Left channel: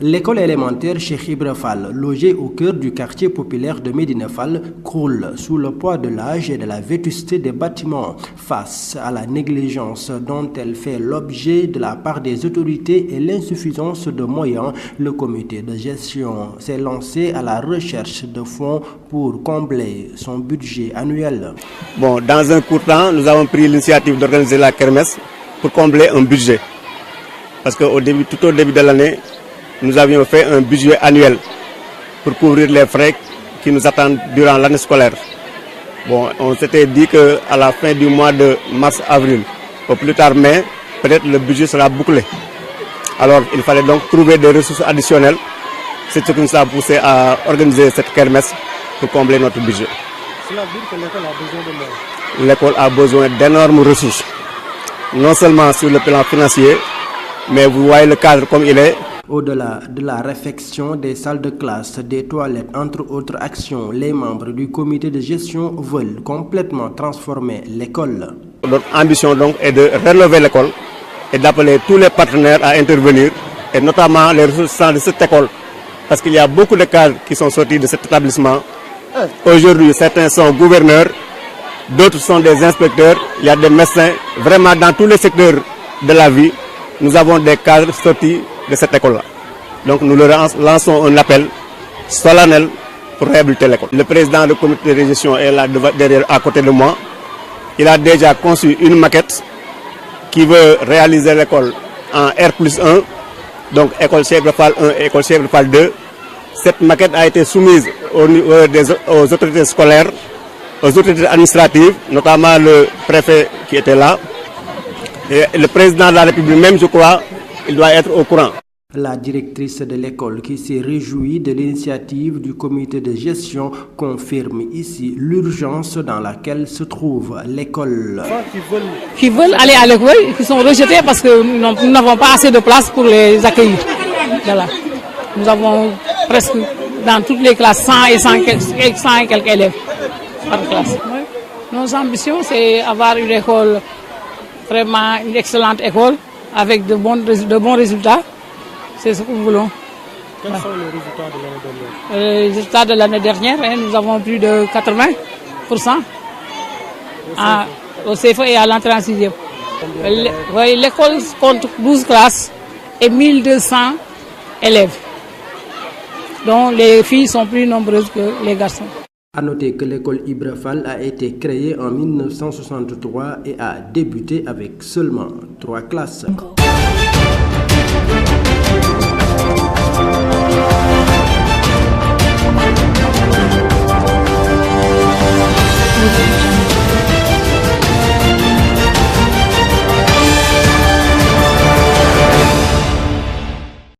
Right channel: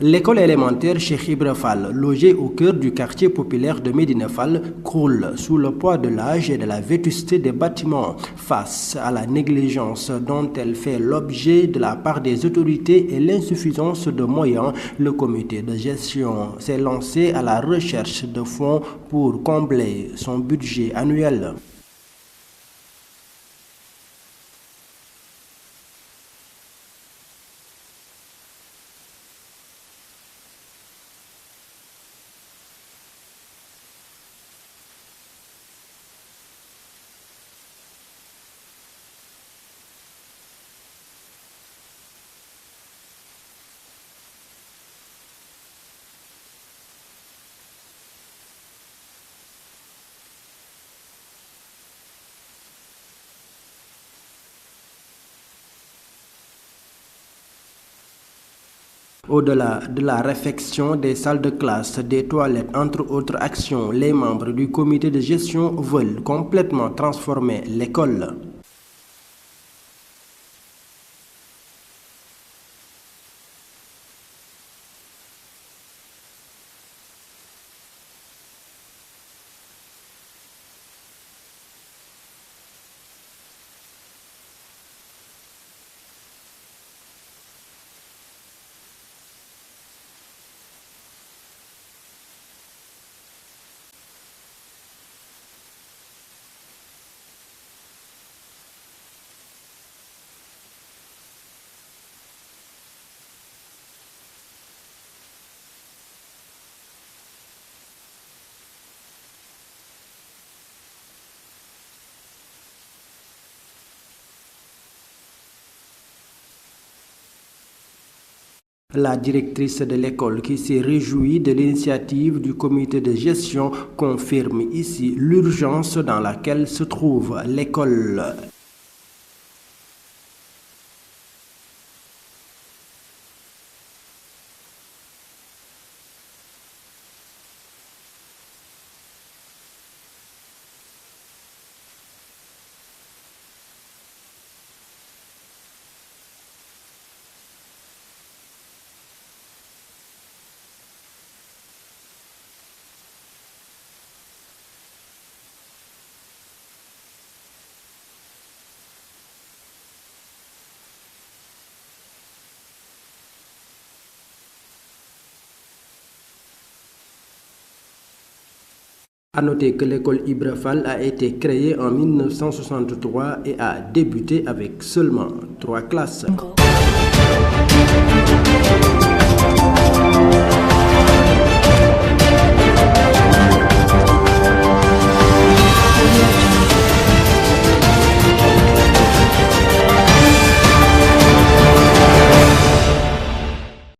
L'école élémentaire Cheikh Ibra Fall, logée au cœur du quartier populaire de Médina Fall, croule sous le poids de l'âge et de la vétusté des bâtiments. Face à la négligence dont elle fait l'objet de la part des autorités et l'insuffisance de moyens, le comité de gestion s'est lancé à la recherche de fonds pour combler son budget annuel. Bon, dans un court temps, nous avons pris l'initiative d'organiser la kermesse pour combler un budget. Parce tout au début de l'année, nous avions fait un budget annuel pour couvrir les frais qui nous attendent durant l'année scolaire. Bon, on s'était dit qu'à la fin du mois de mars-avril, au plus tard mai, peut-être le budget sera bouclé. Alors il fallait donc trouver des ressources additionnelles. C'est ce qui nous a poussé à organiser cette kermesse pour combler notre budget. Cela veut dire que l'école a besoin de moyens. L'école a besoin d'énormes ressources, non seulement sur le plan financier, mais vous voyez le cadre comme il est. Au-delà de la réfection des salles de classe, des toilettes, entre autres actions, les membres du comité de gestion veulent complètement transformer l'école. Notre ambition donc est de relever l'école et d'appeler tous les partenaires à intervenir, et notamment les ressources de cette école. Parce qu'il y a beaucoup de cadres qui sont sortis de cet établissement. Aujourd'hui, certains sont gouverneurs, d'autres sont des inspecteurs, il y a des médecins. Vraiment, dans tous les secteurs de la vie, nous avons des cadres sortis de cette école-là. Donc nous leur lançons un appel solennel pour réhabiliter l'école. Le président du comité de gestion est là derrière, à côté de moi. Il a déjà conçu une maquette qui veut réaliser l'école en R+1, donc école Cheikh Ibra Fall 1 et école Cheikh Ibra Fall 2. Cette maquette a été soumise aux autorités scolaires, aux autorités administratives, notamment le préfet qui était là. Et le président de la République même, je crois, il doit être au courant. La directrice de l'école, qui s'est réjouie de l'initiative du comité de gestion, confirme ici l'urgence dans laquelle se trouve l'école. Qui veulent aller à l'école, qui sont rejetés parce que nous n'avons pas assez de place pour les accueillir. Voilà. Nous avons presque dans toutes les classes 100 et quelques élèves par classe. Nos ambitions, c'est avoir une école, vraiment une excellente école, avec de bons résultats. C'est ce que nous voulons. Quels sont les résultats de l'année dernière? Les résultats de l'année dernière, nous avons plus de 80% au CFE et à l'entrée en 6e. L'école compte 12 classes et 1200 élèves, dont les filles sont plus nombreuses que les garçons. À noter que l'école Ibra Fall a été créée en 1963 et a débuté avec seulement 3 classes.